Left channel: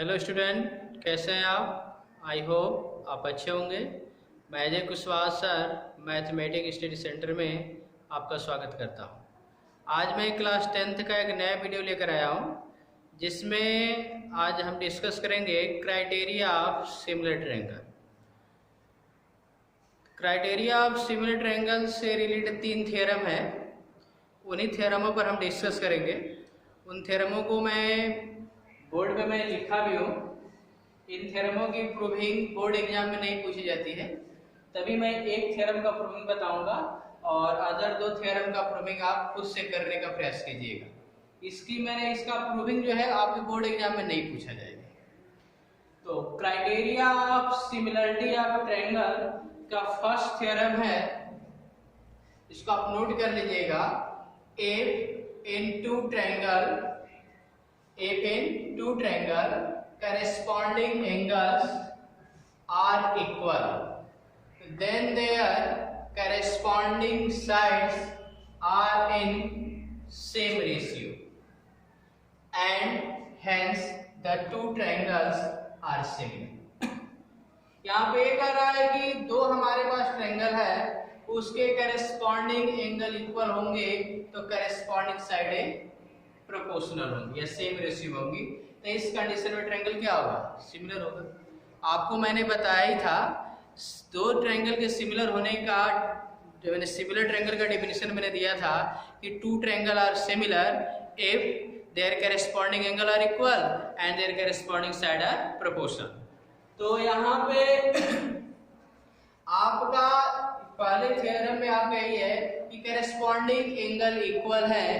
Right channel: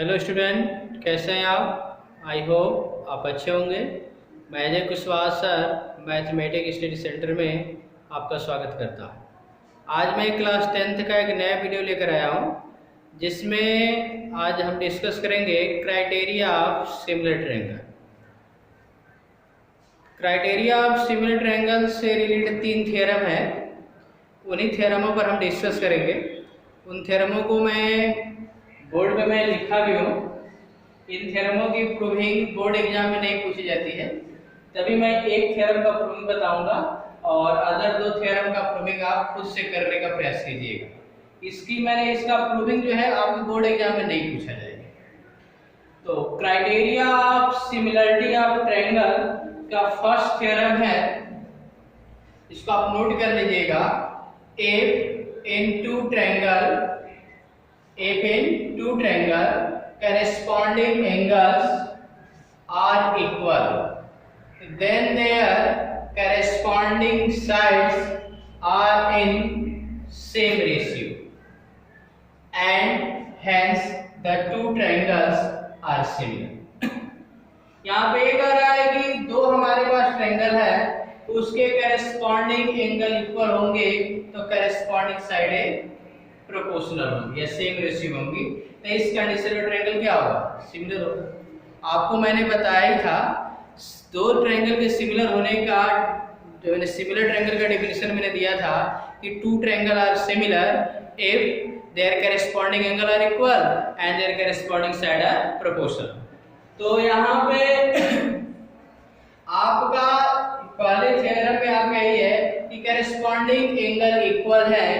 Hello student, कैसे हैं आप? आई होप आप अच्छे होंगे। मैं Ajay Kushwaha sir mathematics study centre में आपका स्वागत करता हूं। आज मैं क्लास 10th का एक नया वीडियो लेकर आया हूं, जिसमें आज हम डिस्कस करेंगे criteria of similar triangle. Criteria of similar triangle से रिलेटेड 3 थ्योरम है, उन्हीं थ्योरमों पर हम डिस्कस करेंगे। उन थ्योरमों को मैं बोर्ड पे मैं लिखा भी हूँ। इन थ्योरमों की प्रूविंग बोर्ड एग्जाम में नहीं पूछी जाती है, तभी मैं एक थ्योरम का प्रूविंग बताऊंगा और अदर 2 थ्योरम का प्रूविंग आप खुद से करने का प्रयास कीजिएगा। इसका प्रूविंग जो है आपके बोर्ड एग्जाम में नहीं पूछा जाएगा। तो criteria of similarity of triangle का फर्स्ट थ्योरम है, इसको आप नोट कर लीजिएगा। If in two triangle corresponding angles are equal, then their corresponding sides are in same ratio, and hence the two triangles are similar. यहाँ पे ये कह रहा है कि दो हमारे पास ट्रायंगल है, उसके करस्पॉन्डिंग एंगल इक्वल होंगे तो करस्पॉन्डिंग साइडें प्रोपोर्शनल होंगी या सेम रेशियो होंगी। तो इस कंडीशन में ट्रायंगल क्या होगा? सिमिलर होगा। आपको मैंने बताया ही था, दो ट्रायंगल के सिमिलर होने का जो मैंने सिमिलर ट्रायंगल का डेफिनेशन मैंने दिया था कि two triangle are similar if their corresponding angle are equal and their corresponding side are proportional. तो यहाँ पे आपका पहले थ्योरम में आपका यही है कि करस्पॉन्डिंग एंगल इक्वल है,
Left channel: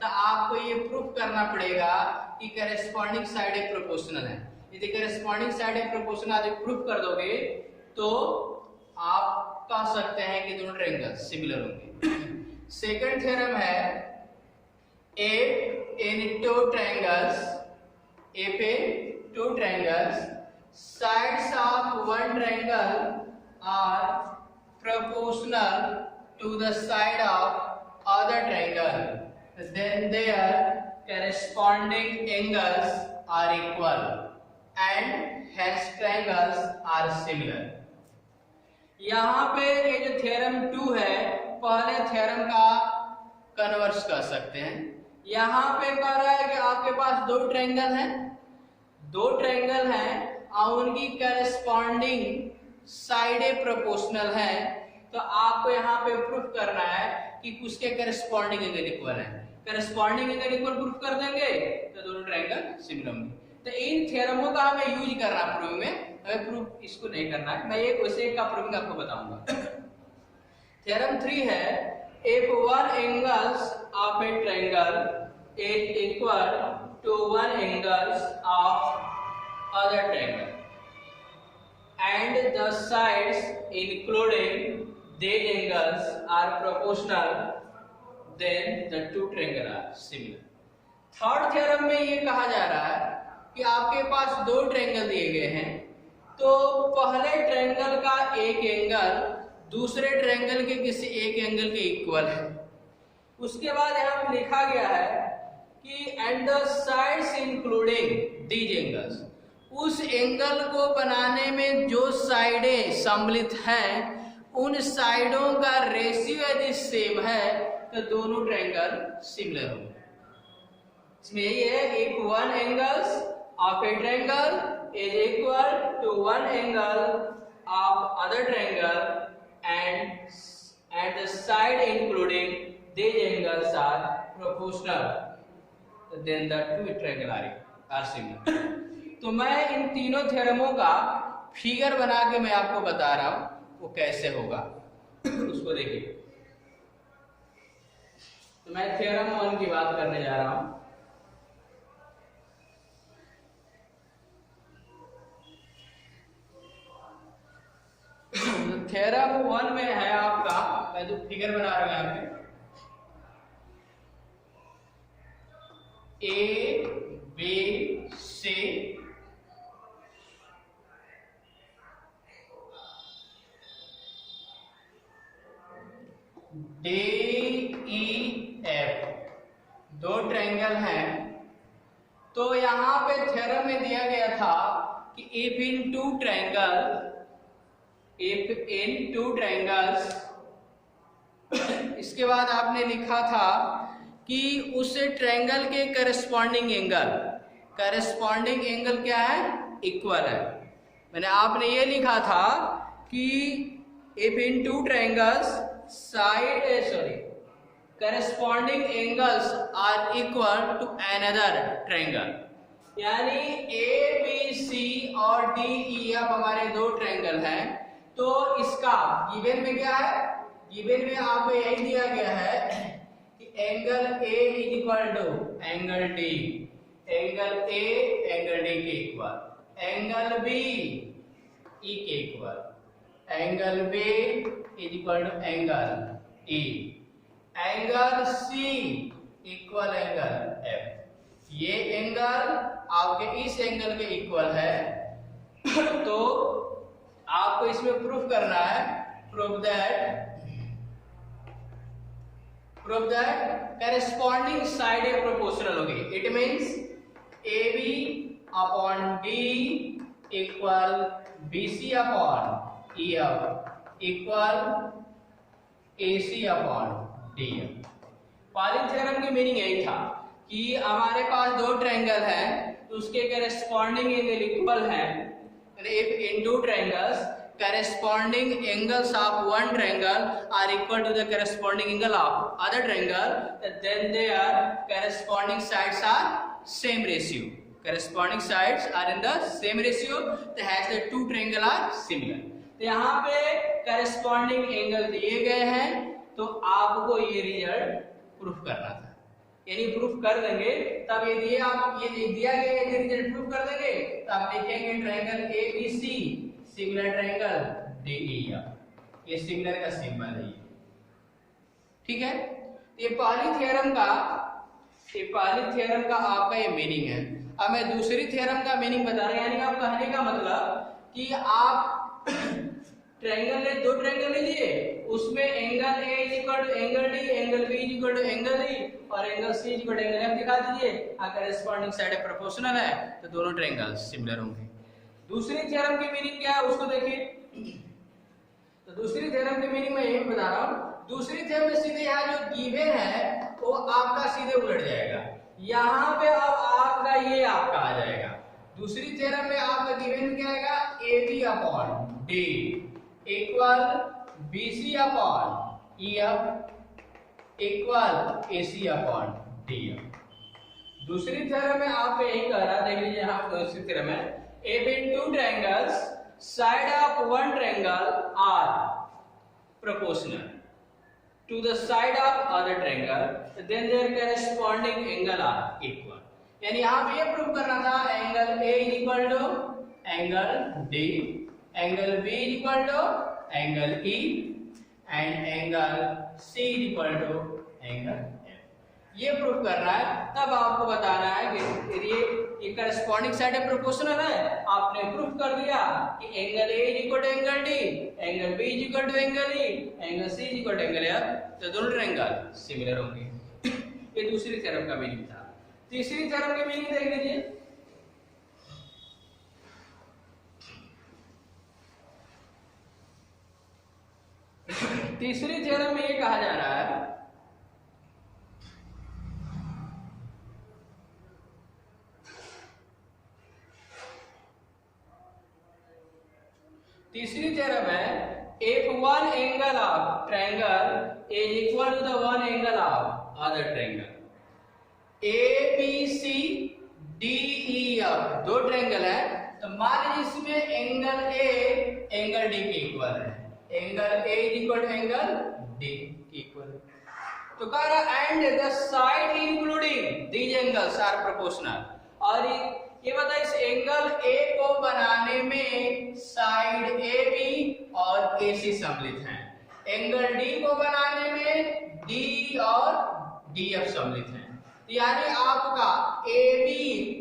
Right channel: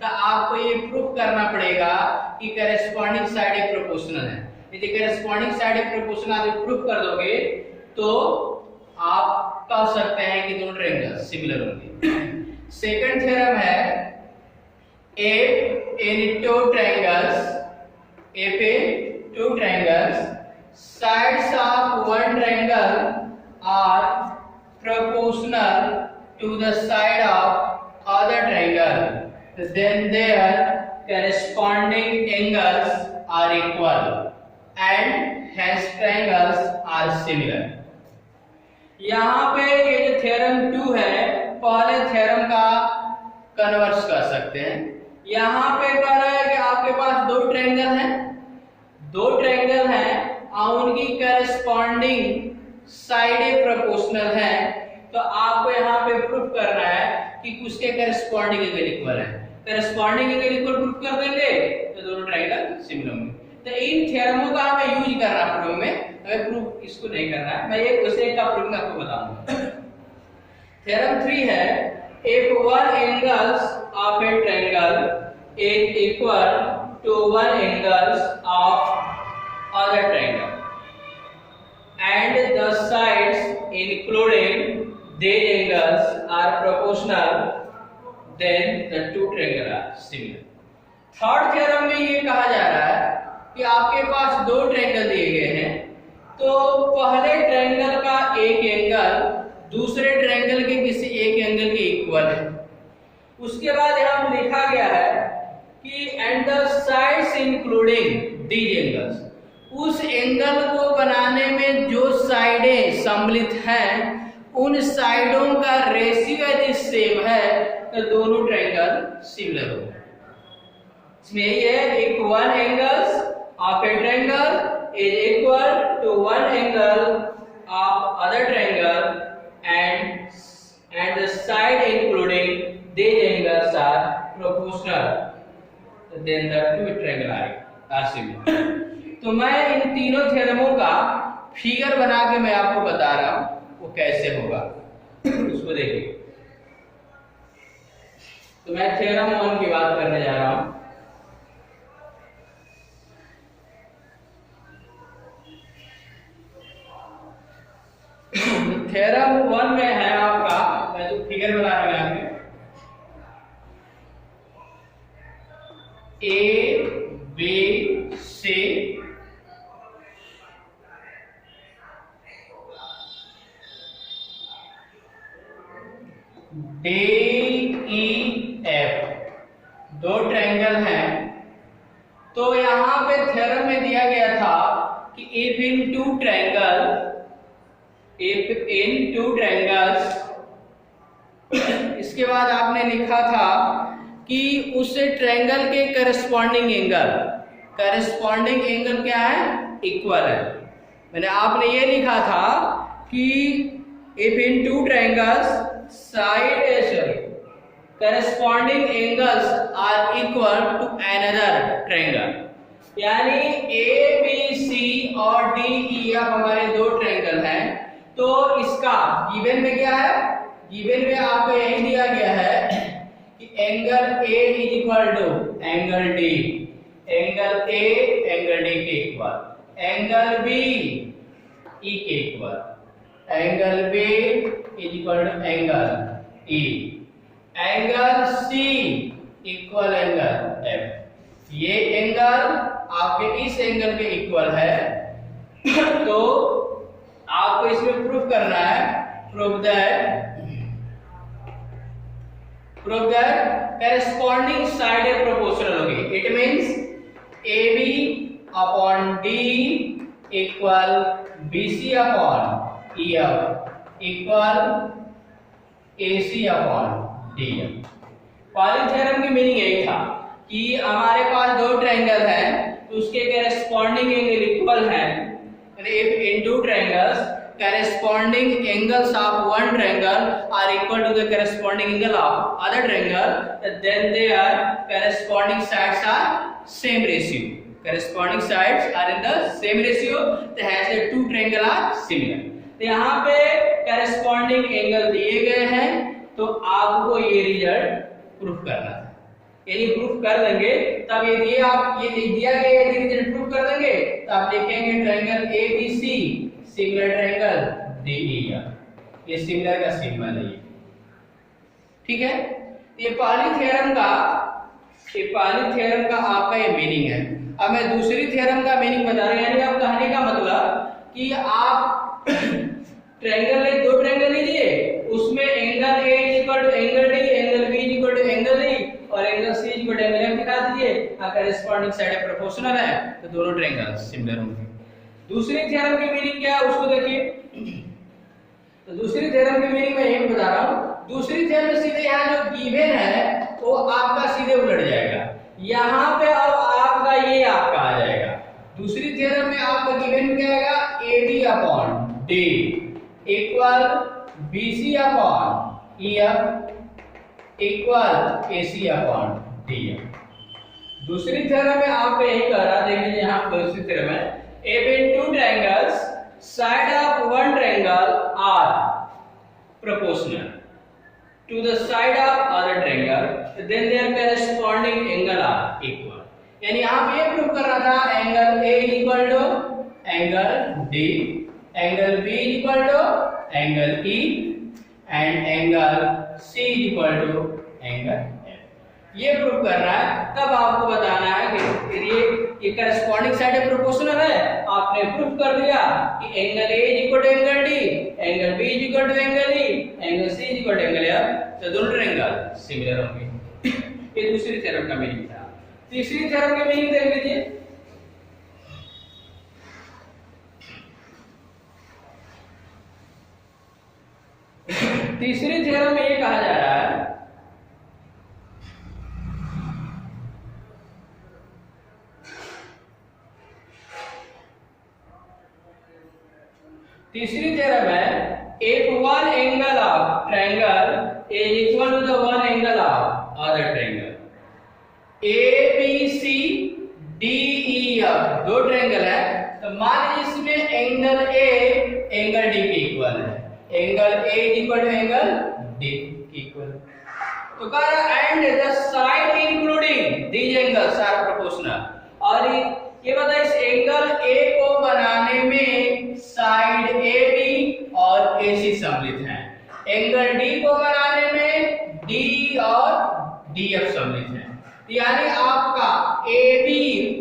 तो आपको ये प्रूफ करना पड़ेगा कि करस्पॉन्डिंग साइड प्रोपोर्शनल है। यदि करस्पॉन्डिंग साइड प्रोपोर्शनल आप प्रूफ कर दोगे तो आप कह सकते हैं कि दोनों ट्रायंगल सिमिलर होंगे। सेकंड थ्योरम है, if in two triangles sides of one triangle are proportional to the side of other triangle, then their corresponding angles are equal and hence triangles are similar. यहाँ पे ये जो theorem 2 है, पहले theorem का converse कर सकते हैं। यहाँ पे कह रहा है कि आपके पास दो ट्रायंगल हैं और उनकी करस्पॉन्डिंग साइडें प्रोपोर्शनल है, तो आपको यहाँ पे प्रूफ करना है कि उसके करस्पॉन्डिंग एंगल इक्वल है। करस्पॉन्डिंग एंगल इक्वल प्रूफ कर देंगे तो दोनों ट्रायंगल सिमिलर होंगे। तो इन थ्योरमों का हमें यूज करना है प्रूफ में, हमें प्रूफ इसको नहीं करना है। मैं एक वैसे का प्रूफ आपको बताऊंगा। थ्योरम 3 है, if one angles of a triangle is equal to one angles of other triangle and the sides including these angles are proportional, then the two triangles are similar. Third theorem में ये कहा जा रहा है कि आपके पास दो ट्रायंगल दिए गए हैं, तो पहले ट्रायंगल का एक एंगल दूसरे ट्रायंगल के किसी एक एंगल के इक्वल है। उसके बाद यहाँ लिखा गया है कि and the sides including these angles, उस एंगल को बनाने में जो साइडें सम्मिलित हैं उन साइडों का रेशियो यदि सेम है तो दोनों ट्रायंगल सिमिलर होंगे। इसमें यही है, if one angles of a triangle is equal to one angle of other triangle and the side including these angles are proportional, then the two triangles are similar. तो मैं इन तीनों थ्योरमों का फिगर बना के मैं आपको बता रहा हूं वो कैसे होगा, उसको देखिए। तो मैं थ्योरम 1 की बात करने जा रहा हूं। थ्योरम 1 में है आपका, मैं जो फिगर बना रहा हूं यहाँ पे, A B C D E F दो ट्रायंगल हैं। तो यहाँ पे थ्योरम में दिया गया था कि if in two triangles, इसके बाद आपने लिखा था कि उस ट्रायंगल के करस्पॉन्डिंग एंगल क्या है, इक्वल है। मैंने आपने ये लिखा था कि if in two triangles corresponding angles are equal to another triangle, यानी ए बी सी और डी ई एफ हमारे दो ट्रायंगल हैं, तो इसका गिवन में क्या है, गिवन में आपको यही दिया गया है कि angle A is equal to angle D, angle A angle D के इक्वल, एंगल बी ई के equal, angle B is equal to angle E, angle C equal angle F. ये एंगल आपके इस एंगल के इक्वल है, तो आपको इसमें प्रूफ करना है, proof that corresponding side proportional होगी। It means AB upon D equal BC upon EF equal AC upon DF। Pali theorem की मीनिंग यही था कि हमारे पास दो ट्रायंगल हैं, तो उसके करस्पॉन्डिंग एंगल इक्वल हैं। If in two triangles corresponding angles of one triangle are equal to the corresponding angle of other triangle, then their corresponding sides are same ratio. Corresponding sides are in the same ratio. Hence the two triangle are similar. तो यहाँ पे corresponding angle दिए गए हैं, तो आपको ये result proof करना था। यदि प्रूफ कर देंगे तब यदि आप ये दिया गया यदि रिजल्ट प्रूफ कर देंगे तो आप लिखेंगे triangle ABC similar triangle DEF। ये सिमिलर का सिंबल है, ठीक है। ये पहली थ्योरम का आपका ये मीनिंग है। अब मैं दूसरी थ्योरम का मीनिंग बता रहा हूं, यानी आप कहने का मतलब कि आप ट्रायंगल में दो ट्रायंगल लीजिए, उसमें angle A equal to angle D, angle B equal to angle E और angle C equal to angle F दिखा दीजिए। करस्पॉन्डिंग साइड प्रोपोर्शनल है, तो दोनों ट्रायंगल सिमिलर होंगे। दूसरी थ्योरम की मीनिंग क्या है उसको देखिए। तो दूसरी थ्योरम की मीनिंग मैं यही बता रहा हूं। दूसरी थ्योरम में सीधे यहाँ जो गिवन है वो आपका सीधे उलट जाएगा, यहाँ पे अब आपका ये आपका आ जाएगा। दूसरी थ्योरम में आपका गिवन क्या आएगा, AB upon D equal BC upon EF equal AC upon DF। दूसरी थ्योरम में आपको यही कह रहा, देख लीजिए यहाँ दूसरी थ्योरम है, if in two triangles side of one triangle are proportional to the side of other triangle then their corresponding angle are equal। यानी आप ये प्रूव करना था angle A equal to angle D, angle B equal to angle E and angle C equal to angle F। ये prove करना है, तब आपको बताना है कि ये करस्पॉन्डिंग साइड प्रोपोर्शनल है। आपने प्रूफ कर दिया कि angle A equal to angle D, angle B equal to angle E, angle C equal to angle F, तो दोनों ट्रायंगल सिमिलर होंगे। ये दूसरी थ्योरम का मीनिंग था। तीसरी थ्योरम का मीनिंग देख लीजिए। तीसरी थ्योरम में ये कहा जा रहा है तीसरी थ्योरम है if one angle of triangle is equal to the one angle of other triangle, ABC DEF दो ट्रायंगल है, तो मान लीजिए इसमें एंगल A एंगल D के इक्वल है, angle A equal to angle D equal, तो कह रहा and the side including these angles are proportional. और ये बता इस एंगल A को बनाने में साइड AB और AC सम्मिलित हैं, एंगल D को बनाने में D और DF सम्मिलित हैं, यानी आपका AB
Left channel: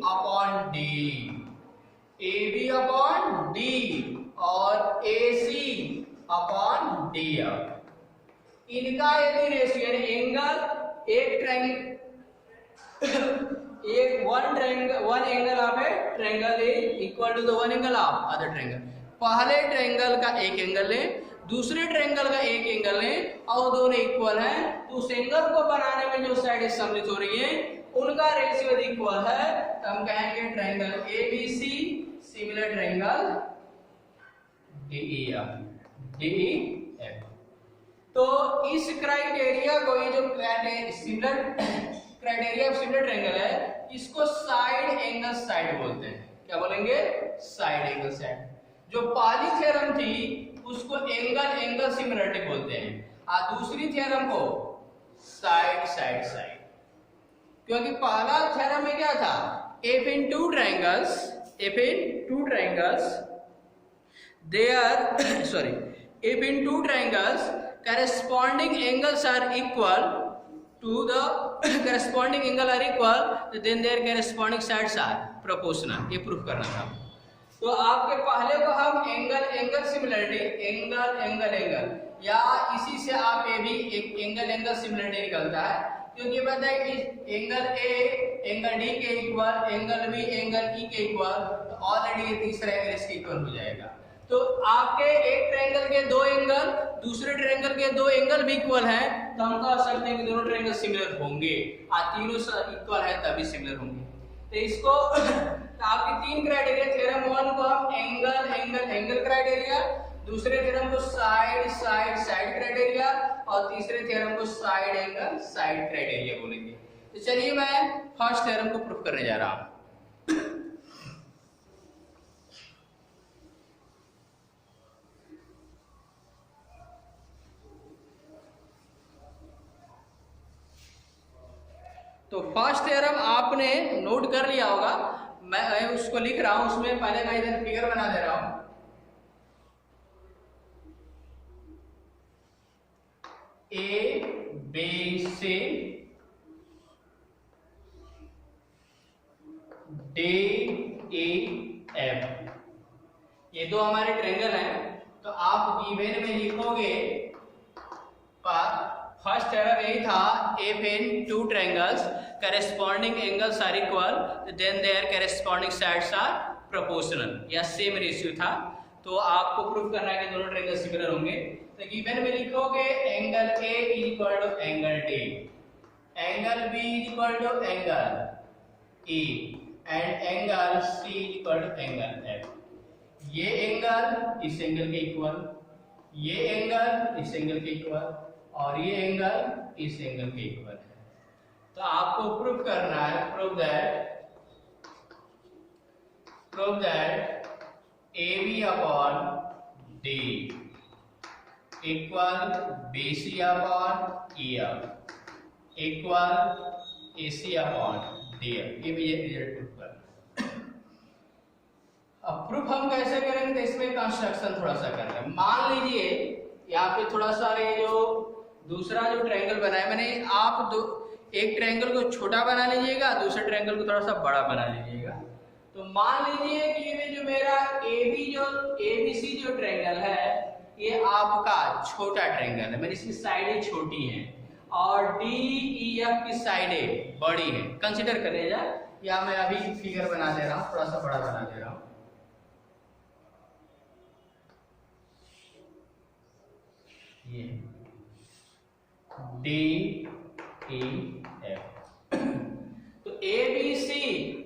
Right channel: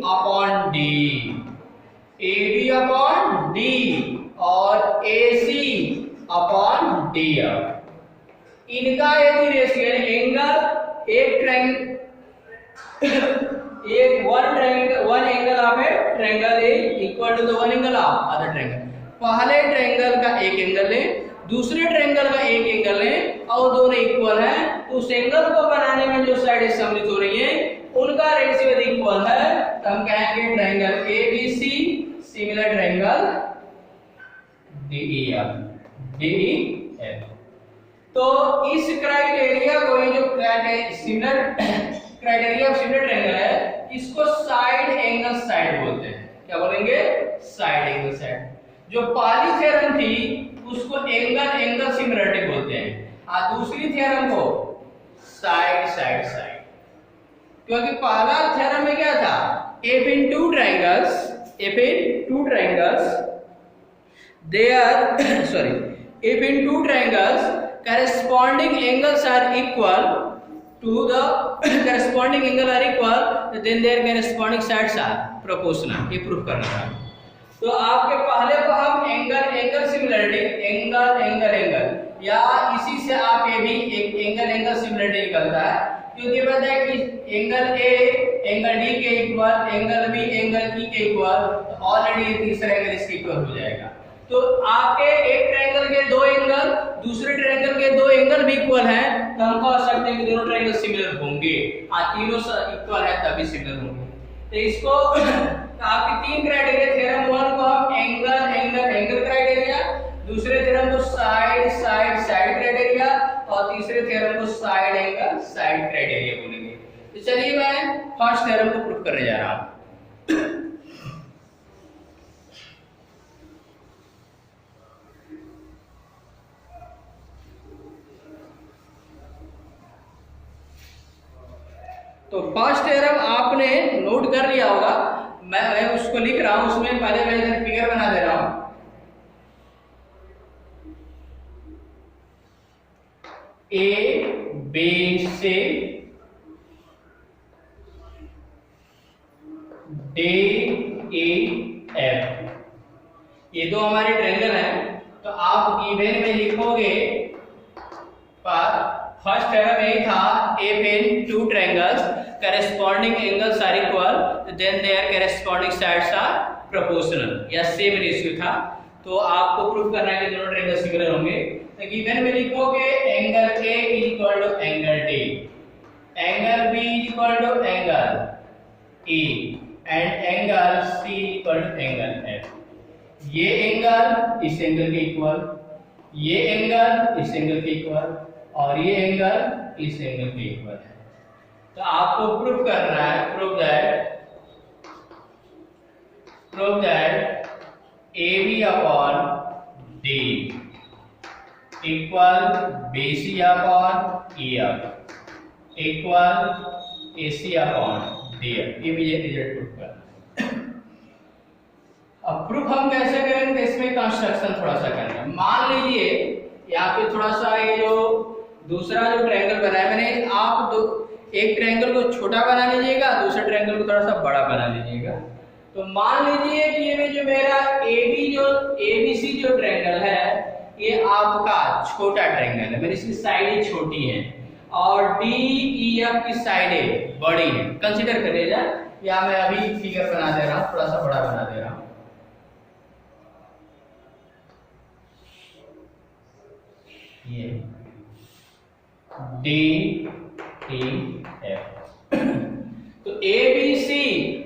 अपॉन D और AC अपॉन DF, इनका यदि रेशियो एंगल एक ट्रायंगल एक one angle of a triangle is equal to the one angle of other triangle. पहले ट्रायंगल का एक एंगल ले, दूसरे ट्रायंगल का एक एंगल ले और दोनों इक्वल हैं, तो उस एंगल को बनाने में जो साइड सम्मिलित हो रही है उनका रेशियो यदि इक्वल है तो हम कहेंगे triangle ABC similar triangle DEF। तो इस क्राइटेरिया को, ये जो similar criteria of similar triangle है, इसको साइड एंगल साइड बोलते हैं। क्या बोलेंगे? Side angle side. जो पहली थ्योरम थी उसको एंगल एंगल सिमिलरिटी बोलते हैं, और दूसरी थ्योरम को साइड साइड साइड। क्योंकि पहला थ्योरम में क्या था? if in two triangles there sorry, if in two triangles corresponding angles are equal to the corresponding angle are equal, then their corresponding sides are proportional। ये proof करना था। तो आपके पहले को हम angle angle similarity, angle angle angle, या इसी से आप ये भी एक एंगल एंगल सिमिलरिटी निकलता है, क्योंकि पता है कि एंगल ए एंगल डी के equal, angle B angle E के इक्वल, तो ऑलरेडी तीसरा एंगल इसके इक्वल हो जाएगा। तो आपके एक ट्रायंगल के दो एंगल, दूसरे ट्रायंगल के दो एंगल भी इक्वल हैं, तो हम कह सकते हैं कि दोनों ट्रायंगल सिमिलर होंगे, और तीनों इक्वल है तभी सिमिलर होंगे। तो इसको आपकी तीन क्राइटेरिया, थ्योरम 1 को हम एंगल एंगल एंगल क्राइटेरिया, दूसरे थ्योरम को साइड साइड साइड क्राइटेरिया, और तीसरे थ्योरम को साइड एंगल साइड क्राइटेरिया बोलेंगे। तो चलिए मैं फर्स्ट थ्योरम को प्रूफ करने जा रहा हूं। तो फर्स्ट थ्योरम आपने नोट कर लिया होगा, मैं उसको लिख रहा हूं, उसमें पहले मैं इधर फिगर बना दे रहा हूं। ए बी से डी ई एफ, ये दो हमारे ट्रायंगल हैं। तो आप गिवन में लिखोगे, फर्स्ट थ्योरम यही था, if in two triangles corresponding angles are equal then their corresponding sides are proportional, या सेम रेशियो था। तो आपको प्रूफ करना है कि दोनों ट्रायंगल सिमिलर होंगे। तो गिवन में लिखोगे angle A equal to angle D, angle B equal to angle E, and angle C equal to angle F। ये एंगल इस एंगल के इक्वल, ये एंगल इस एंगल के इक्वल, और ये एंगल इस एंगल के इक्वल है। तो आपको प्रूफ करना है, prove that AB upon D equal BC upon EF equal AC upon DF। ये भी रिजल्ट प्रूफ करना। अब प्रूफ हम कैसे करेंगे? तो इसमें कंस्ट्रक्शन थोड़ा सा करेंगे। मान लीजिए यहाँ पे थोड़ा सा ये जो दूसरा जो ट्रायंगल बना है मैंने, आप एक ट्रायंगल को छोटा बना लीजिएगा, दूसरे ट्रायंगल को थोड़ा सा बड़ा बना लीजिएगा। तो मान लीजिए कि ये जो मेरा ABC जो ट्रायंगल है, ये आपका छोटा ट्रायंगल है, मेरी इसकी साइडें छोटी हैं, और DEF की साइडें बड़ी हैं। कंसीडर करिएगा, या मैं अभी फिगर बना दे रहा हूँ, थोड़ा सा बड़ा बना दे रहा हूँ। ये DEF, तो ABC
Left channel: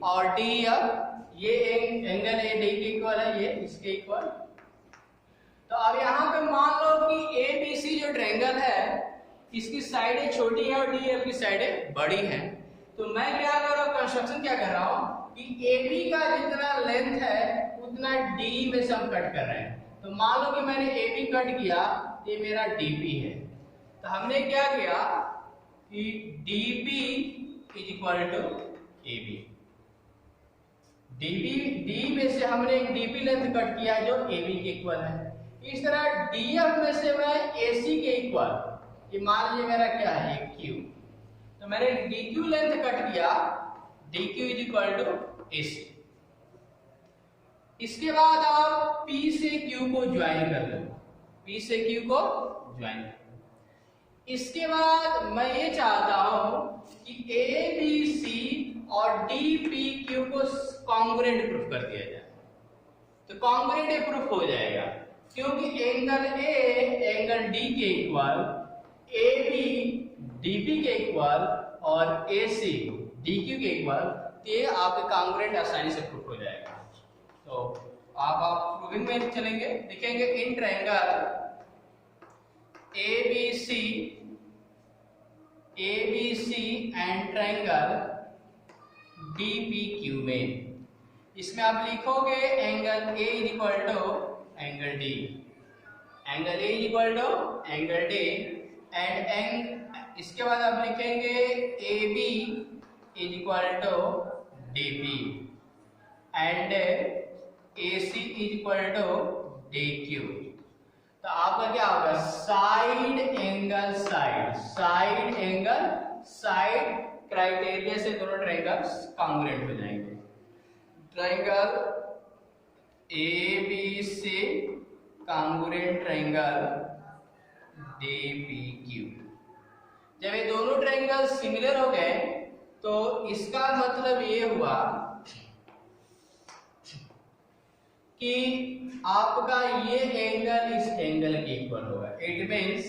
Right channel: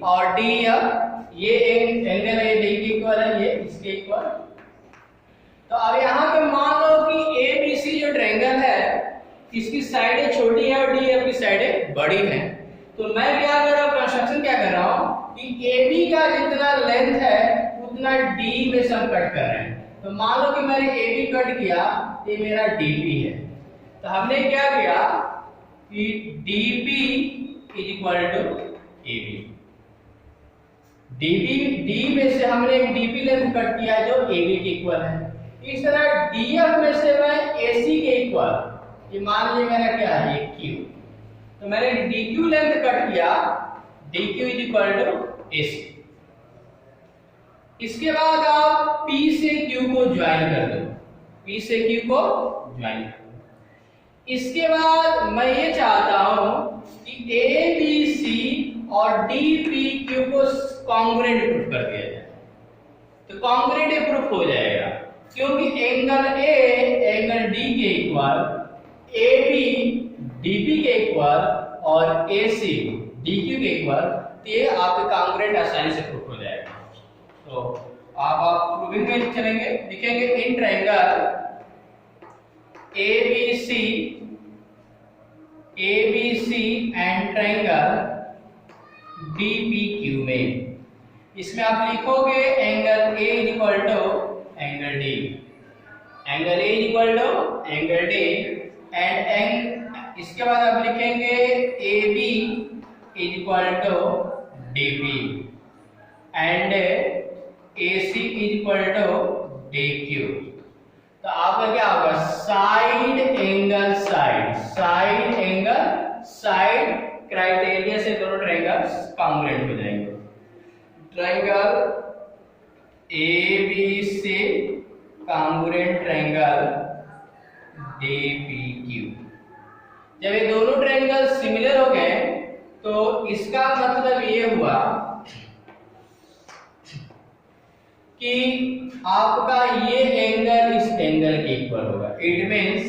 और DEF, ये एंगल है D के इक्वल है, ये इसके इक्वल। तो अब यहाँ पे मान लो कि ABC जो ट्रायंगल है, इसकी साइडें छोटी है और DEF की साइडें बड़ी हैं। तो मैं क्या कर रहा हूँ, कंस्ट्रक्शन क्या कर रहा हूँ कि AB का जितना लेंथ है उतना D में से हम कट कर रहे हैं। तो मान लो कि मैंने AB कट किया, ये मेरा DP है। तो हमने क्या किया कि DP is equal to AB, D में से हमने एक DP लेंथ कट किया जो AB के इक्वल है। इस तरह DF में से मैं AC के इक्वल, ये मान लीजिए मेरा क्या है, ये Q, तो मैंने DQ लेंथ कट किया, DQ is equal to AC। इसके बाद आप P से Q को ज्वाइन कर दो, P से Q को ज्वाइन कर दो। इसके बाद मैं ये चाहता हूं कि ABC और डी पी क्यू को कॉन्ग्रुएंट प्रूफ कर दिया जाए तो कॉन्ग्रुएंट प्रूफ हो जाएगा, क्योंकि एंगल ए एंगल डी के equal, A B D P के इक्वल और ए सी डी क्यू के इक्वल, तो ये आपके कॉन्ग्रुएंट आसानी से प्रूफ हो जाएगा। तो आप प्रूविंग में चलेंगे, लिखेंगे in triangle ABC and triangle DPQ में, इसमें आप लिखोगे angle A is equal to angle D, angle A is equal to angle D and इसके बाद आप लिखेंगे AB is equal to DP and AC is equal to DQ। तो आपका क्या होगा, साइड एंगल साइड क्राइटेरिया से दोनों ट्रायंगल्स कॉन्ग्रुएंट हो जाएंगे। Triangle ABC congruent triangle DPQ। जब ये दोनों ट्रायंगल सिमिलर हो गए तो इसका मतलब ये हुआ कि आपका ये एंगल इस एंगल के इक्वल होगा। It means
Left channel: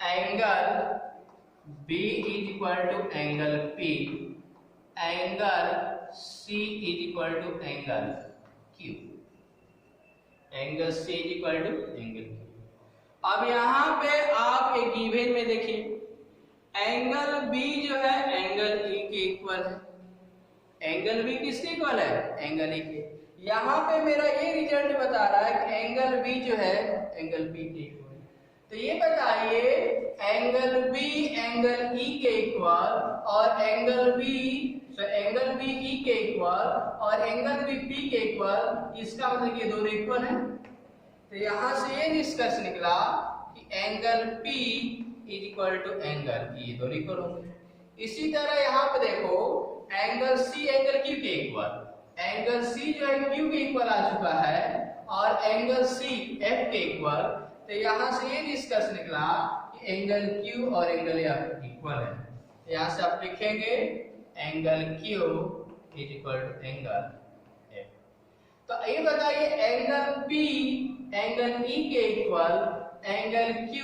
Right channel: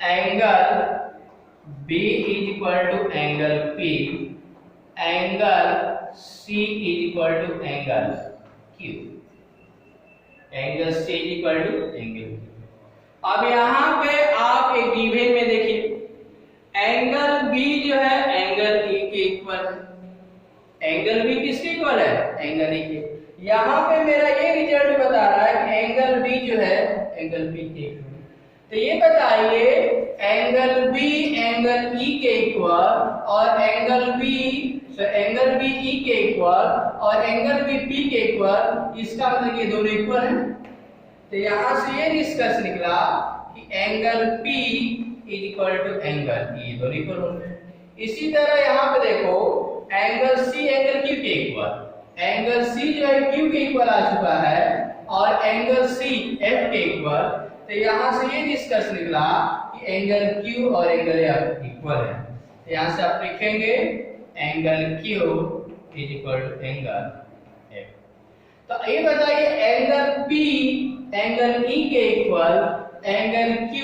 angle B is equal to angle P, angle C is equal to angle Q, angle C is equal to angle Q। अब यहाँ पे आप एक गिवन में देखिए एंगल B जो है एंगल E के इक्वल है। एंगल B किसके इक्वल है, एंगल E के। यहाँ पे मेरा ये रिजल्ट बता रहा है कि एंगल B जो है एंगल P के इक्वल। तो ये बताइए एंगल B एंगल E के इक्वल और एंगल B E के इक्वल और एंगल B P के इक्वल, इसका मतलब ये दोनों इक्वल हैं। तो यहाँ से ये निष्कर्ष निकला कि angle P is equal to angle E, दोनों इक्वल होंगे। इसी तरह यहाँ पे देखो एंगल C एंगल Q के इक्वल, एंगल C जो है Q के इक्वल आ चुका है और एंगल C F के इक्वल। तो यहाँ से ये निष्कर्ष निकला कि एंगल Q और एंगल F इक्वल है। तो यहाँ से आप लिखेंगे angle Q is equal to angle F। तो ये बताइए एंगल P एंगल E के equal, angle Q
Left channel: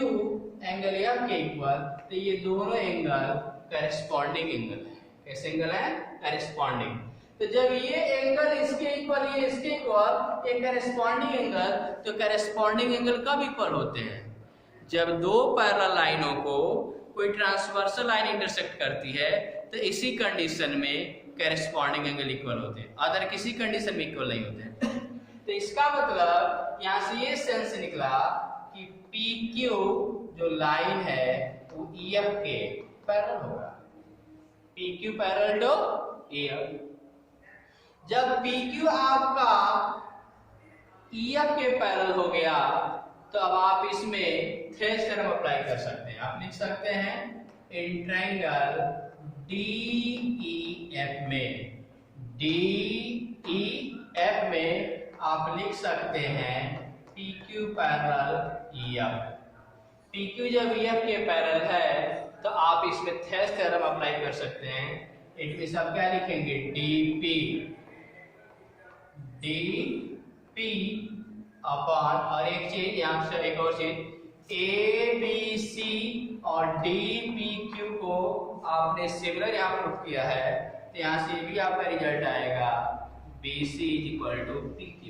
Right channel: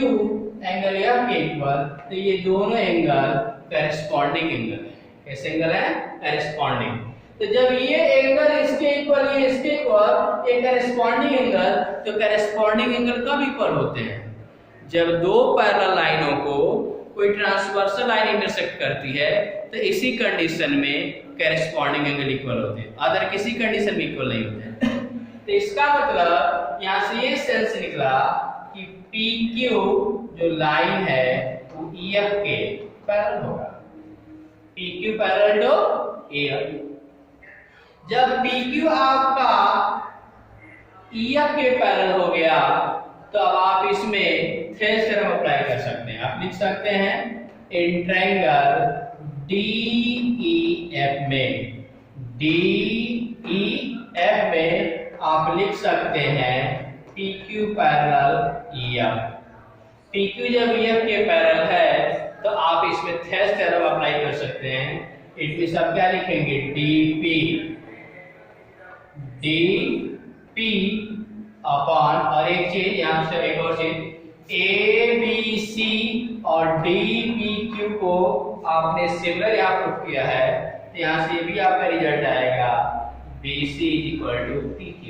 angle F के इक्वल, तो ये दोनों एंगल करेस्पॉन्डिंग एंगल है। कैसे एंगल है, करेस्पॉन्डिंग। तो जब ये एंगल इसके इक्वल ये इसके इक्वल, ये करेस्पॉन्डिंग एंगल, तो करेस्पॉन्डिंग एंगल कब इक्वल होते हैं, जब दो पैरेलल लाइनों को कोई ट्रांसवर्सल लाइन इंटरसेक्ट करती है, तो इसी कंडीशन में करेस्पॉन्डिंग एंगल इक्वल होते हैं, अदर किसी कंडीशन में इक्वल नहीं होते हैं। तो इसका मतलब यहाँ से ये सेंस निकला कि PQ जो लाइन है वो EF के पैरेलल होगा, PQ पैरेलल टू EF। जब PQ आपका EF के पैरेलल हो गया तो अब आप इसमें थेल्स थ्योरम अप्लाई कर सकते हैं। आप लिख सकते हैं इन ट्रायंगल DEF में आप लिख सकते हैं PQ पैरेलल EF। PQ जब EF के पैरेलल है तो आप इसमें थेल्स थ्योरम अप्लाई कर सकते हैं। इट मींस आप क्या लिखेंगे, DP अपॉन, और एक चीज यहाँ से एक और चीज, ABC और DPQ को आपने सिमिलर यहाँ प्रूफ किया है, तो यहाँ से भी आपका रिजल्ट आएगा BC is equal to PQ।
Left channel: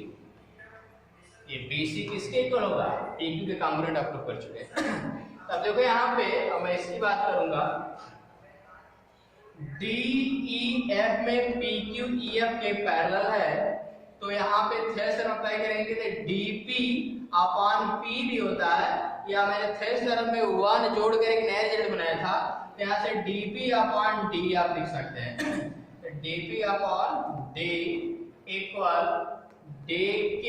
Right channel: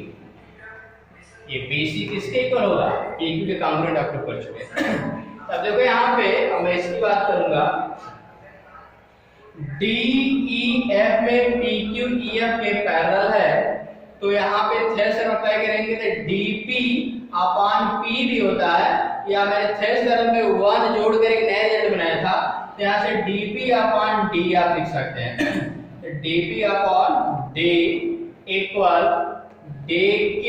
ये BC किसके इक्वल होगा, PQ के कॉन्ग्रुएंट आप प्रूफ कर चुके हैं। अब देखो यहाँ पे अब मैं इसकी बात करूंगा, DEF में PQ EF के पैरेलल है, तो यहाँ पे थेल्स थ्योरम अप्लाई करेंगे तो DP अपॉन P भी होता है, या मैंने थेल्स थ्योरम में 1 जोड़ कर एक नया रिजल्ट बनाया था, तो यहाँ से DP अपॉन D आप लिख सकते हैं। तो DP upon D equal DQ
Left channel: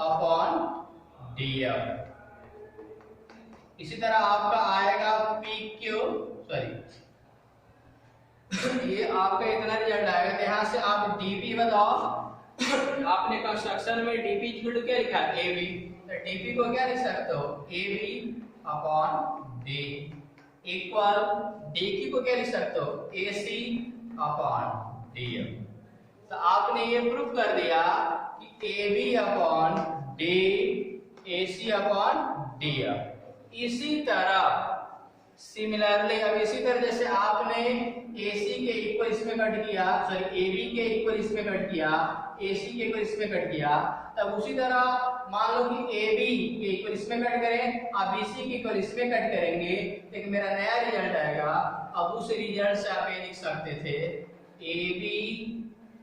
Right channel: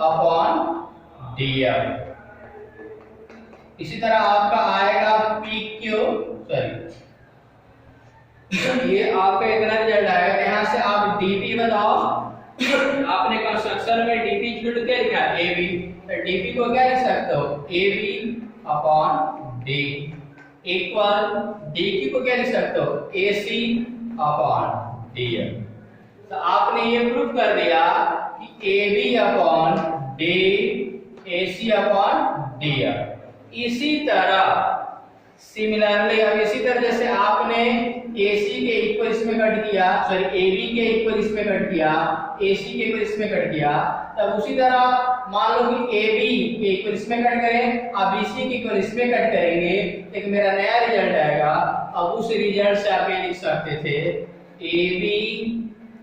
upon DF। इसी तरह आपका आएगा PQ, ये आपका इतना रिजल्ट आएगा। यहाँ से आप DP बताओ, आपने कंस्ट्रक्शन में DP इक्वल क्या लिखा है, AB, तो DP को क्या लिख सकते हो, AB upon D equal D Q को क्या लिख सकते हो, A C upon D F. तो आपने ये प्रूफ कर दिया कि A B upon D A C upon D F. इसी तरह सिमिलरली, अब इसी तरह जैसे आपने ए सी के इक्वल इसमें कट किया, सॉरी ए बी के इक्वल इसमें कट किया, ए सी के इक्वल इसमें कट किया, तब उसी तरह मान लो कि ए बी के इक्वल इसमें कट करें, अब बी सी के इक्वल इसमें कट करेंगे, एक मेरा नया रिजल्ट आएगा। अब उस रिजल्ट से आप ये लिख सकते थे A B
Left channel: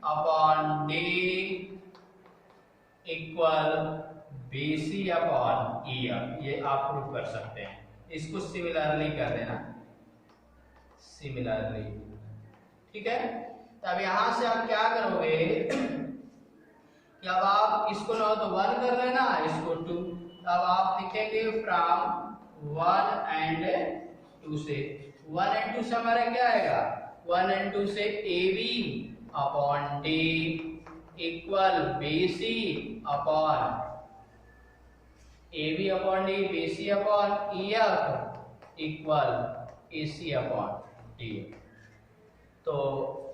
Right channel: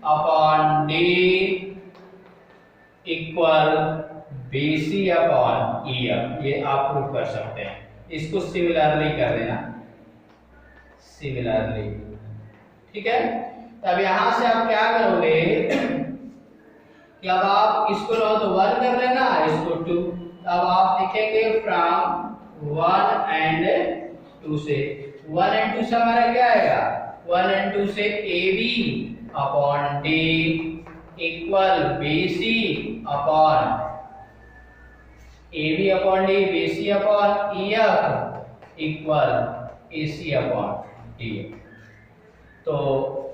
upon D equal B C upon E F. ये आप प्रूफ कर सकते हैं। इसको सिमिलरली कर देना, सिमिलरली, ठीक है। तब यहां से आप क्या करोगे कि अब आप इसको लो तो 1 कर लेना, इसको 2, अब आप लिखेंगे फ्रॉम 1 एंड 2 से। 1 एंड 2 से हमारा क्या आएगा, 1 एंड 2 से A B upon D equal B C upon A B upon D, B C upon E F equal A C upon D. तो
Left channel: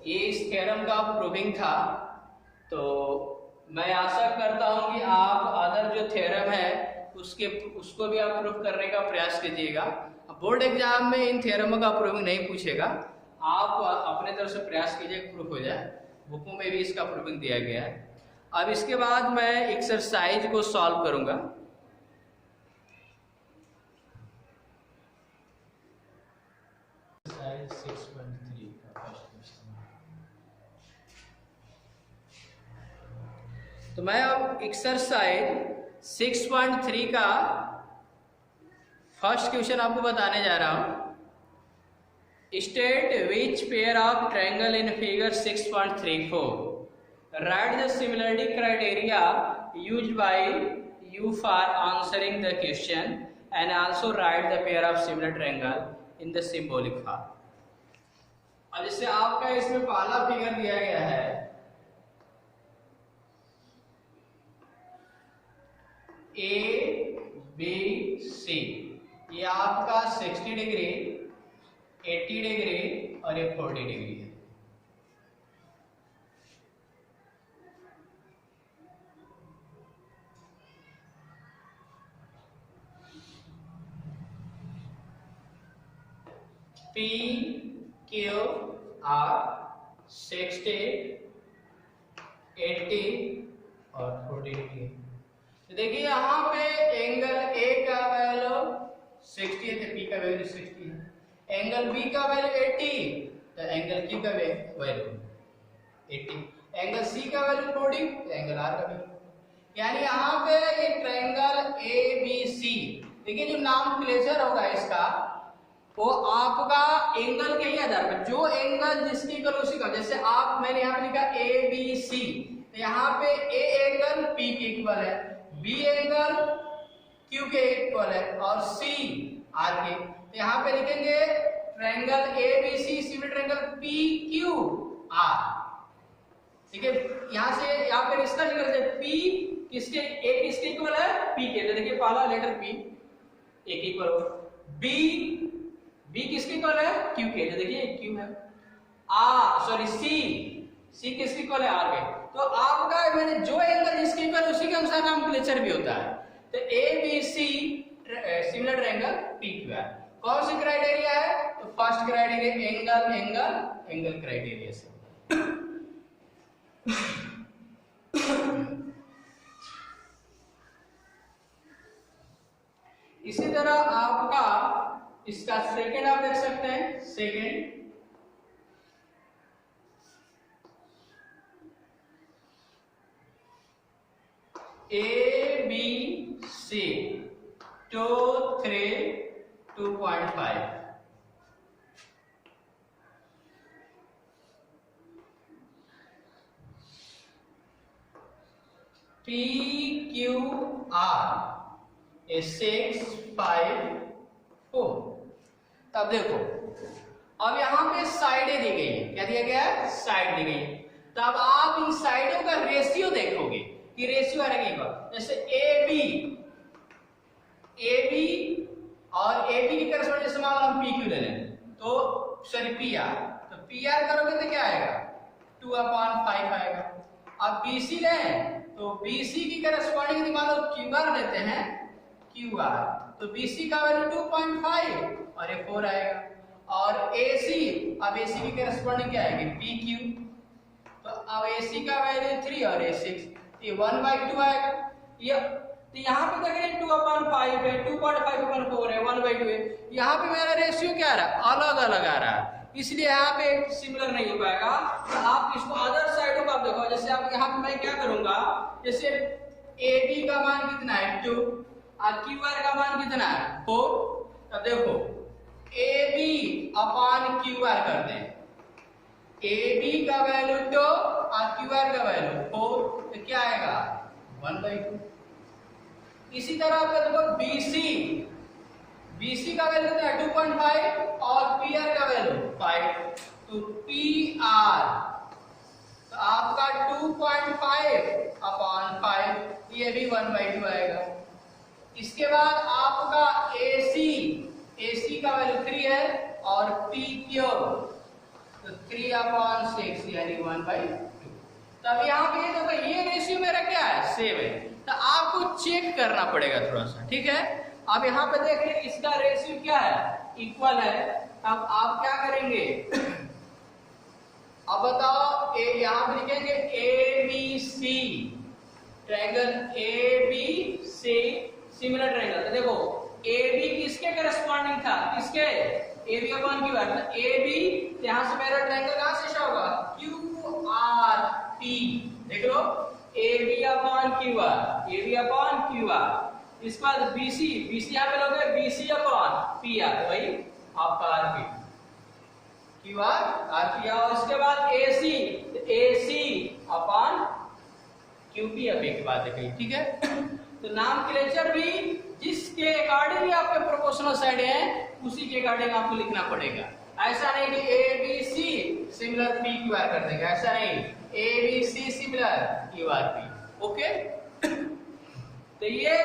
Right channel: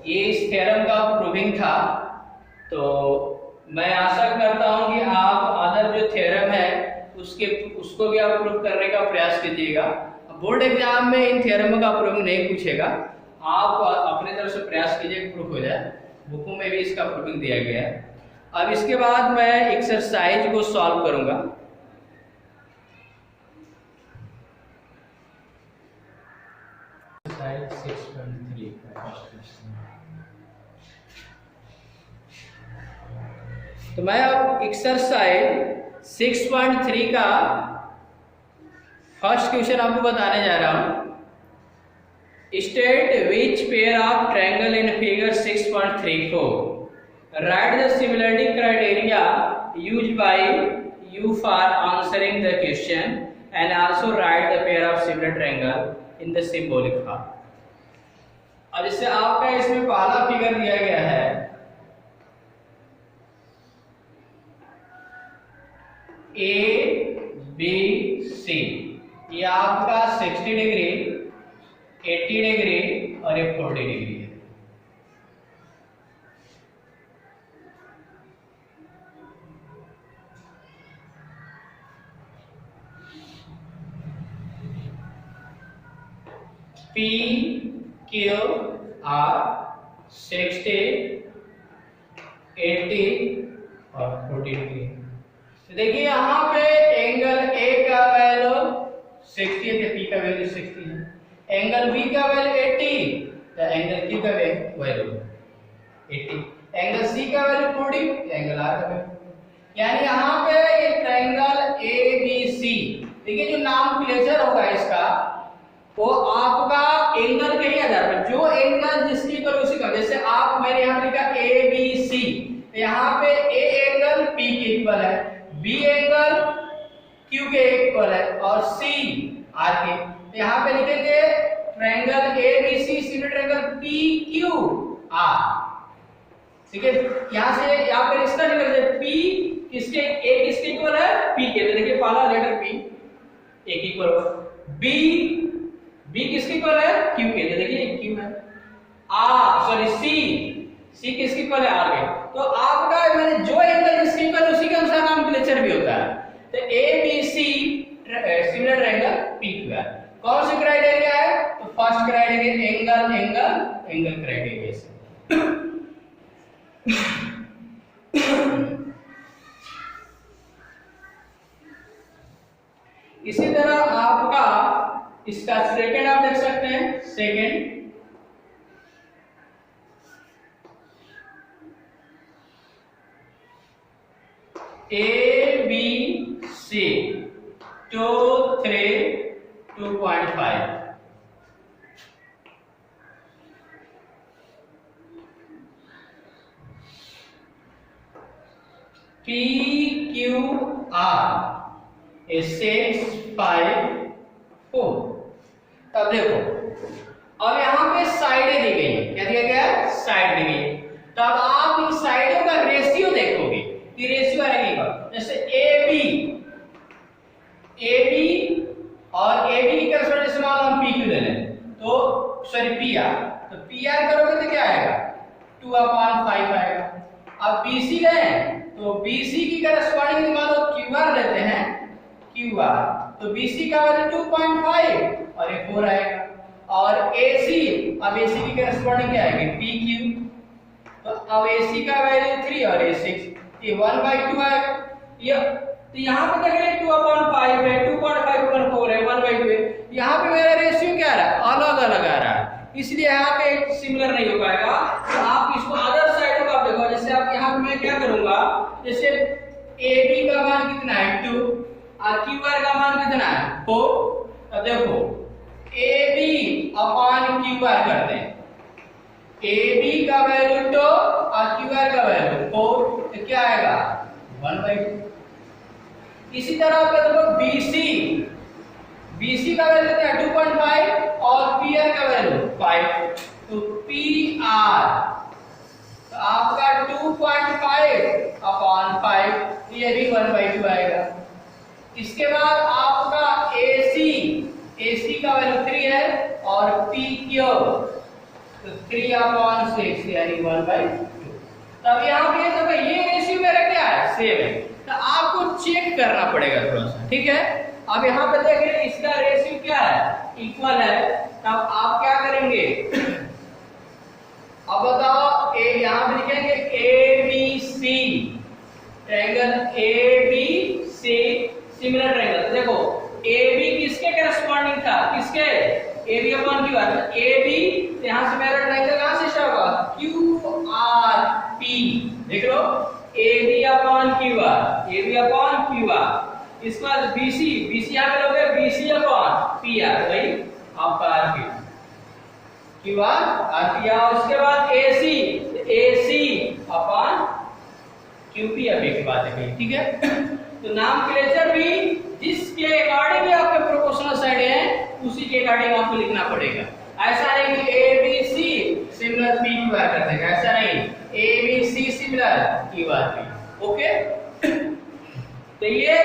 ये इस थ्योरम का प्रूविंग था। तो मैं आशा करता हूं कि आप अदर जो थ्योरम है उसको भी आप प्रूव करने का प्रयास कीजिएगा। बोर्ड एग्जाम में इन थ्योरमों का प्रूविंग नहीं पूछेगा, आप अपने तरफ से प्रयास कीजिए प्रूफ हो जाए। बुकों में भी इसका प्रूविंग दिया गया है। अब इसके बाद मैं एक्सरसाइज को सॉल्व करूंगा। तो मैं अब एक्सरसाइज 6.3 का फर्स्ट क्वेश्चन आपको बताने जा रहा हूं। State which pair of triangle in figure 6.34, right the similarity criteria used by you for answering the question and also right the pair of similar triangle in the symbolic form. अब इससे आपका इसमें पहला फिगर दिया गया है, ए B सी, ये आपका 60 डिग्री, 80 डिग्री और ये 40 डिग्री है। पी क्यू आर 60, 80 और 40 डिग्री। देखिए यहाँ पे एंगल ए का वैल्यू 60 है, पी का वैल्यू 60 है। एंगल बी का वैल्यू 80, तो एंगल क्यू का वैल्यू 80। एंगल सी का वैल्यू 40, एंगल आर का वैल्यू। यानी यहाँ पे ये ट्रायंगल ए बी सी, देखिए जो नामप्लेचर होगा इसका वो आपका एंगल के ही आधार पर, जो एंगल जिसकी इक्वल उसी का, जैसे आप मैंने यहाँ लिखा ए बी सी, यहाँ पे ए एंगल पी के इक्वल है, बी एंगल क्यू के इक्वल है और सी आर के। तो यहाँ पे लिखेंगे triangle A B C similar triangle P Q R, ठीक है। यहाँ से यहाँ पे इसका निकल पी किसके, ए किसके इक्वल है, पी के। तो देखिए पहला लेटर पी ए के इक्वल होगा, बी किसके इक्वल है, क्यू के। तो देखिए क्यू है, सी किसके इक्वल है, आर के। तो आपका मैंने जो एंगल जिसके इक्वल उसी के अनुसार नामप्लेचर भी होता है। तो A B C similar triangle P Q R. कौन सी क्राइटेरिया है, तो फर्स्ट क्राइटेरिया एंगल क्राइटेरिया से। इसी तरह आपका इसका सेकंड आप देख सकते हैं, second A B C 2 3 2.5, P Q R 6 5 4। अब देखो, अब यहाँ पे साइडें दी गई है, क्या दिया गया है, साइड दी गई है। तब आप इन साइडों का रेशियो देखोगे कि रेशियो आएगा, जैसे ए बी और ए बी की करस्पॉन्डिंग जैसे मान लो हम पी क्यू ले लें, सॉरी पी आर, तो पी आर करोगे तो क्या आएगा 2/5 आएगा। अब BC लें तो BC की करस्पॉन्डिंग निकालो, QR लेते हैं QR, तो BC का वैल्यू 2.5 और ये 4 आएगा। और AC, अब AC की करस्पॉन्डिंग क्या आएगी PQ, तो अब AC का वैल्यू 3 और ये 6, ये 1/2 आएगा। ये तो यहाँ पे देख रहे हैं 2/5 है, 2.5/4 है, 1/2 है। यहाँ पे मेरा रेशियो क्या है अलग अलग आ रहा है, इसलिए यहाँ पे सिमिलर नहीं हो पाएगा। तो आप इसको अदर साइड को आप देखो, जैसे आप यहाँ पे मैं क्या करूंगा, जैसे AB का मान कितना है 2 और QR का मान कितना है 4, तो देखो AB/QR करते हैं, AB का वैल्यू 2 और QR का वैल्यू 4, तो क्या आएगा 1/2। इसी तरह आप देखो BC का वैल्यू कितना है 2.5 और PR का वैल्यू 5, तो PR तो आपका 2.5/5, ये भी 1/2 आएगा। इसके बाद आपका AC का वैल्यू 3 है और PQ तो 3/6 यानी 1/2। तब यहाँ पे देखो ये रेशियो मेरा क्या है सेम है, तो आपको चेक करना पड़ेगा थोड़ा सा, ठीक है। अब यहाँ पे देखिए इसका रेशियो क्या है इक्वल है, तब आप क्या करेंगे अब बताओ, यहाँ पे लिखेंगे ABC triangle ABC similar triangle. देखो AB किसके करस्पॉन्डिंग था, किसके AB/QR, AB यहाँ से मेरा ट्रायंगल कहां से स्टार्ट होगा QRP, देख लो AB/QR, इसके बाद BC यहाँ पे लोगे BC/PR, भाई आपका RP QR RP, और उसके बाद AC/QP, अब एक बात है ठीक है। तो नामक्लेचर भी जिसके अकॉर्डिंग आपके प्रोपोर्शनल साइड है उसी के अकॉर्डिंग आपको लिखना पड़ेगा। ऐसा नहीं कि ABC सिमिलर PQR कर देगा, ऐसा नहीं, ABC सिमिलर QRP, ओके। तो ये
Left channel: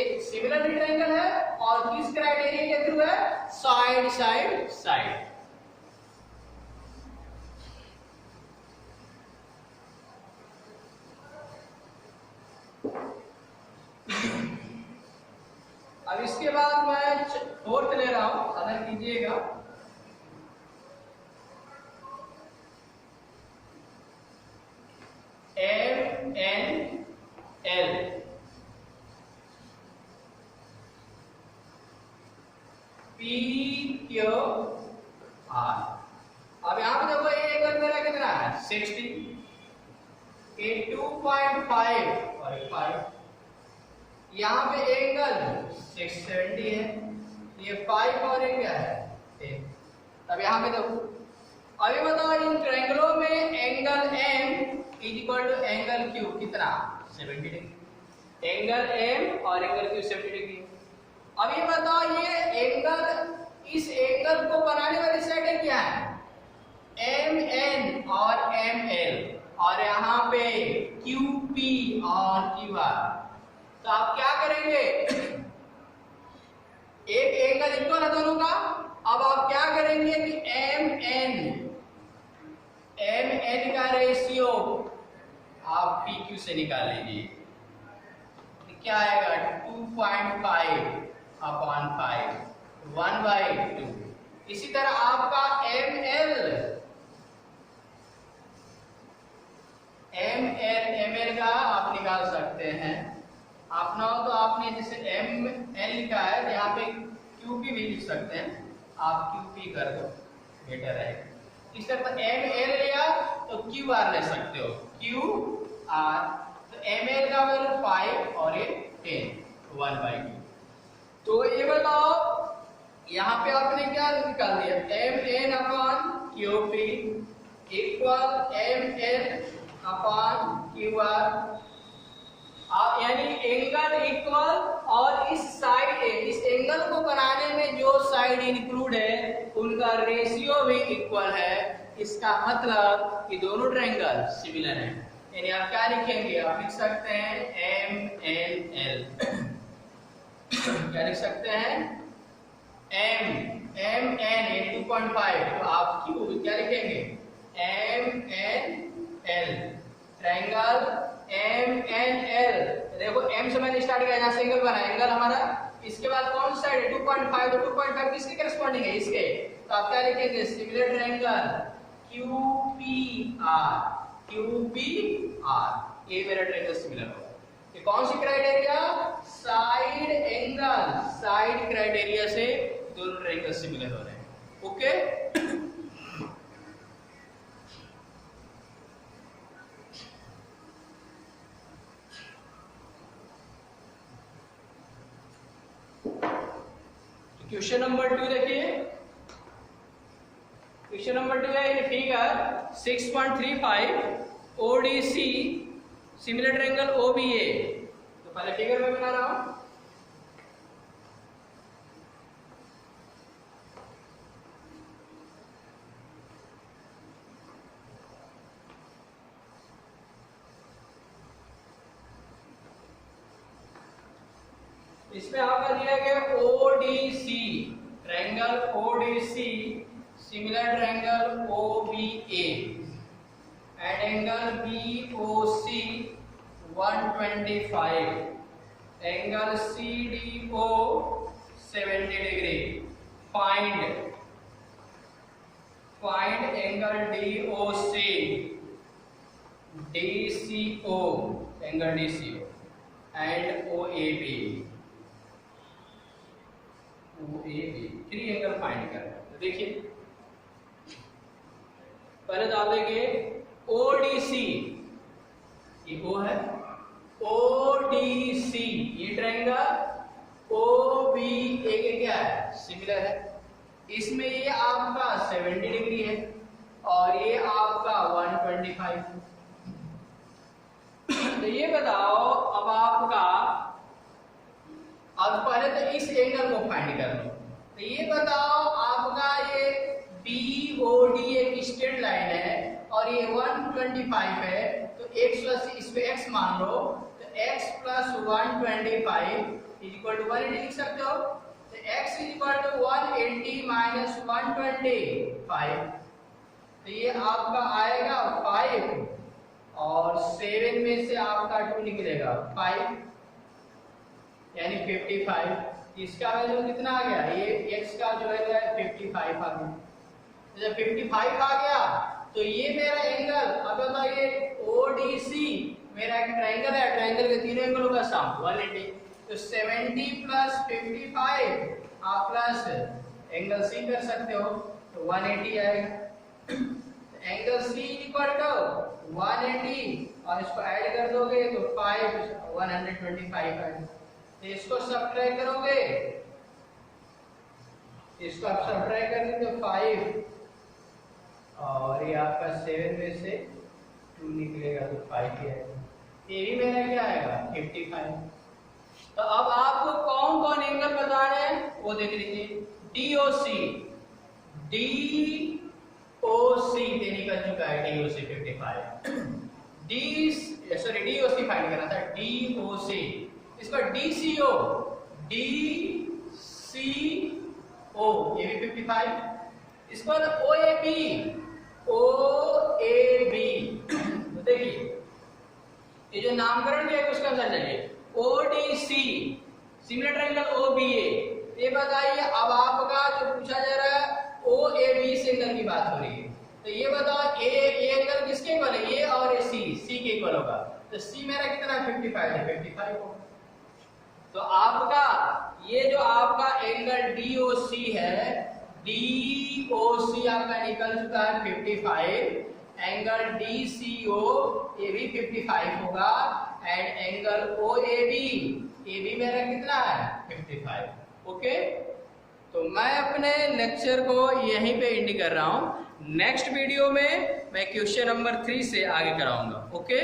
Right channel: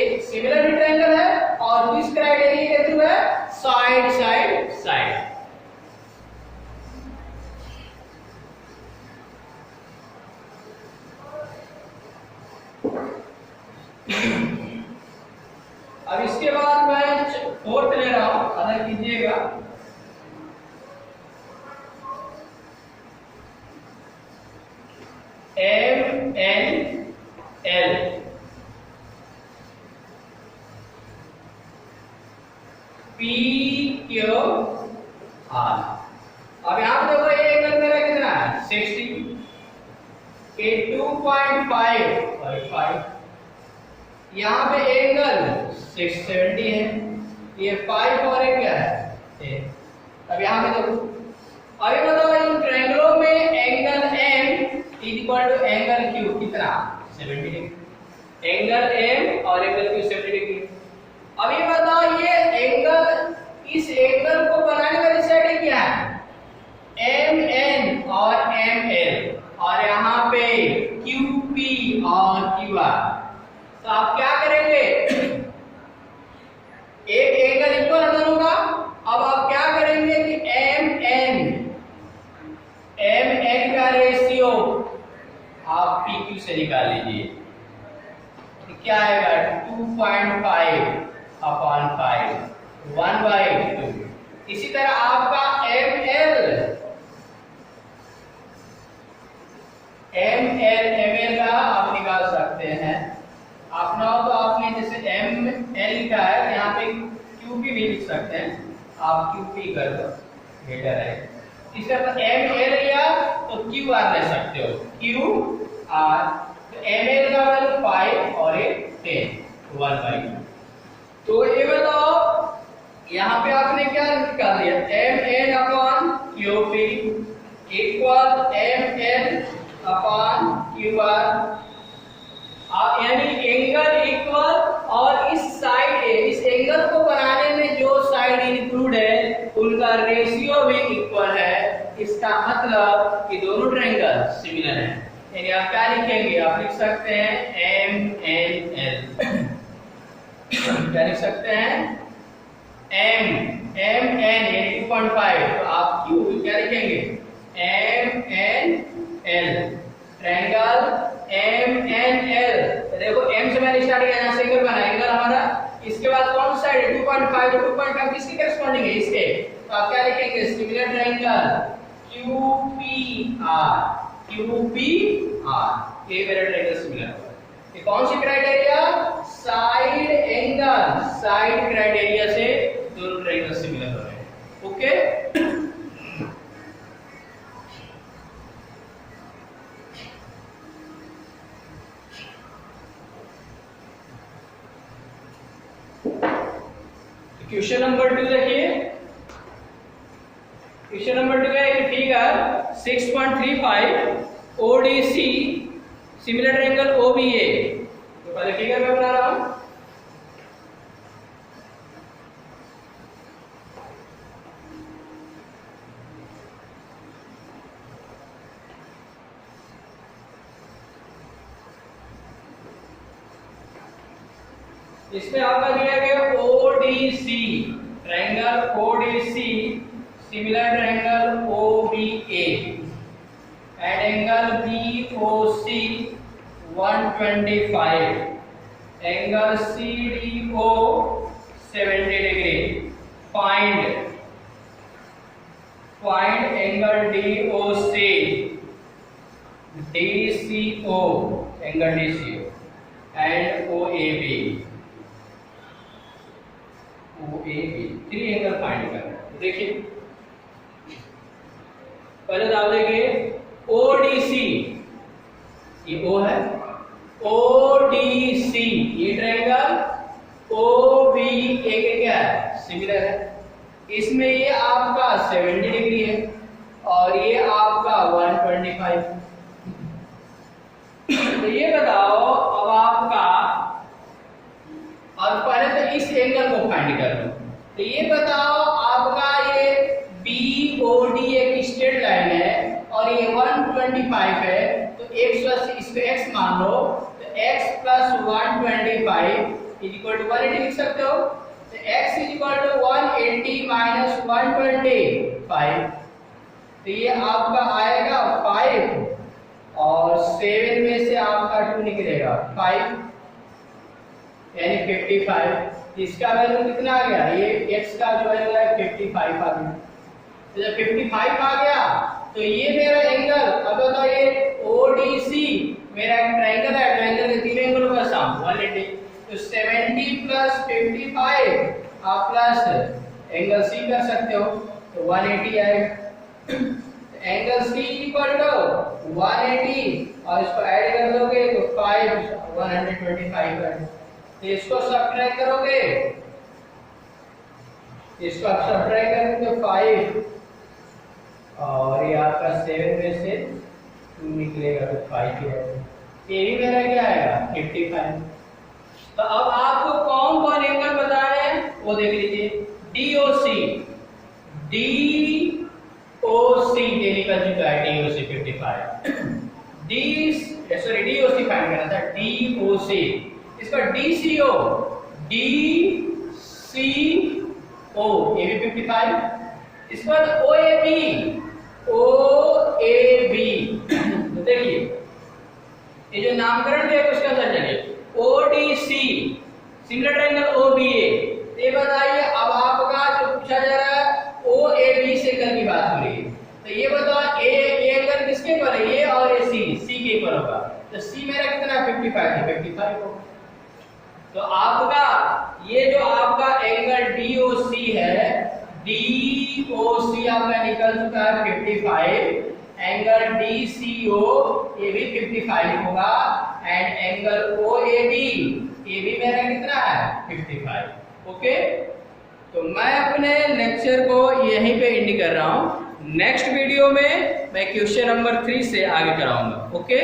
एक सिमिलर ट्रायंगल है और किस क्राइटेरिया के थ्रू है, साइड साइड साइड। अब इसके बाद मैं फोर्थ ले रहा हूं, अगर कीजिएगा MNL, PQR। अब यहाँ पे देखो ये एंगल मेरा कितना है 60, ये 2.5 और 5, यहाँ पे एंगल 670 है, ये 5 और एक क्या है 10। अब यहाँ पे देखो, अभी बताओ इन ट्रायंगलों में angle M equal to angle Q कितना 70 डिग्री, एंगल M और एंगल Q 70 डिग्री। अभी बताओ ये एंगल, इस एंगल को बनाने वाली साइड क्या है MN और ML, और यहाँ पे QP और QR। तो आप क्या करेंगे, एक एंगल इक्वल है दोनों का, अब आप क्या करेंगे कि MN का रेशियो आप PQ से निकाल लीजिए, क्या आएगा 2.5/5 1/2। इसी तरह आपका ML का आप निकाल सकते हैं, आप ना हो तो आपने जैसे ML लिखा है तो यहाँ पे QP भी लिख सकते हैं, आप QP कर दो बेटर है। इस तरह ML या तो QR ले सकते हो QR, तो ML का वैल्यू 5 और ये 10 1/2। तो ये बताओ यहाँ पे आपने क्या निकाल दिया MN/QP इक्वल ML/QR, यानी एंगल इक्वल, और इस साइड इस एंगल को बनाने में जो साइड इंक्लूड है उनका रेशियो भी इक्वल है। इसका मतलब कि दोनों ट्रायंगल सिमिलर हैं, यानी आप क्या लिखेंगे, आप लिख सकते हैं MNL, क्या लिख सकते हैं एम एन ए 2.5, तो आप क्यू क्या लिखेंगे M N L, triangle M N L. देखो एम से मैंने स्टार्ट किया, यहाँ से एंगल बना, एंगल हमारा इसके बाद कौन सा साइड है 2.5, तो 2.5 किसके करस्पॉन्डिंग है इसके, तो आप क्या लिखेंगे सिमिलर ट्रायंगल QPR, QPR, ये मेरा ट्रायंगल सिमिलर होगा। ये कौन सी criteria, side angle, side criteria से दोनों ट्रायंगल सिमिलर हो रहे हैं। ओके, क्वेश्चन नंबर 2 देखिए, क्वेश्चन नंबर 2 है figure 6.35 ODC similar triangle OBA। तो पहले फिगर में बना रहा हूं, इसमें आपका दिया गया ODC triangle, ODC similar triangle OBA and angle BOC 125, angle CDO 70 degree. Find angle DOC, DCO angle DCO and OAB, three angle find करना है। देखिए पहले तो आप देखिए ODC, ये O है, ODC ये ट्रायंगल OBA के क्या है सिमिलर है, इसमें ये आपका 70 डिग्री है और ये आपका 125। तो ये बताओ अब आपका, अब पहले तो इस एंगल को फाइंड कर लो, तो ये बताओ आपका ये BOD एक स्ट्रेट लाइन है और ये 125 है, तो x प्लस इस पे x मान लो, तो x plus 125 is equal to 180 लिख सकते हो, तो x is equal to 180 minus 125, तो ये आपका आएगा 5 और 7 में से आपका 2 निकलेगा 5 यानी 55। इसका वैल्यू कितना आ गया, ये x का जो वैल्यू है 55 आ गया। तो जब 55 आ गया तो ये मेरा एंगल, अब बताओ ये ODC मेरा एक ट्रायंगल है, ट्रायंगल के तीनों एंगलों का सम 180, तो 70 प्लस 55 आप प्लस एंगल C कर सकते हो, तो 180 आएगा। एंगल C इक्वल टू 180 और इसको ऐड कर दोगे तो 5 125 है, तो इसको सब्ट्रैक्ट करोगे, इसको आप सब्ट्रैक्ट करेंगे तो 5 और ये आपका 7 में से 2 निकलेगा तो 5 ही आएगा, ये भी मेरा क्या आएगा 55। तो अब आपको कौन कौन एंगल बता रहे हैं वो देख लीजिए, DOC ये निकल चुका है DOC 55, DOC फाइंड करना था, DOC, इसका DCO ये भी 55, इस पर OAB तो देखिए ये जो नामकरण दिया है उसका आंसर चलिए ODC सिमिलर ट्रायंगल OBA, ये बताइए अब आपका जो पूछा जा रहा है OAB से एंगल की बात हो रही है, तो ये बताओ ए एंगल किसके इक्वल है, ये और ये C के इक्वल होगा, तो C मेरा कितना है 55 है, 55 होगा। तो आपका ये जो आपका एंगल DOC है, DOC आपका निकल चुका है 55, एंगल DCO ये भी 55 होगा एंड एंगल OAB ये भी मेरा कितना है 55। ओके, तो मैं अपने लेक्चर को यहीं पे एंड कर रहा हूँ, नेक्स्ट वीडियो में मैं क्वेश्चन नंबर 3 से आगे कराऊंगा। ओके।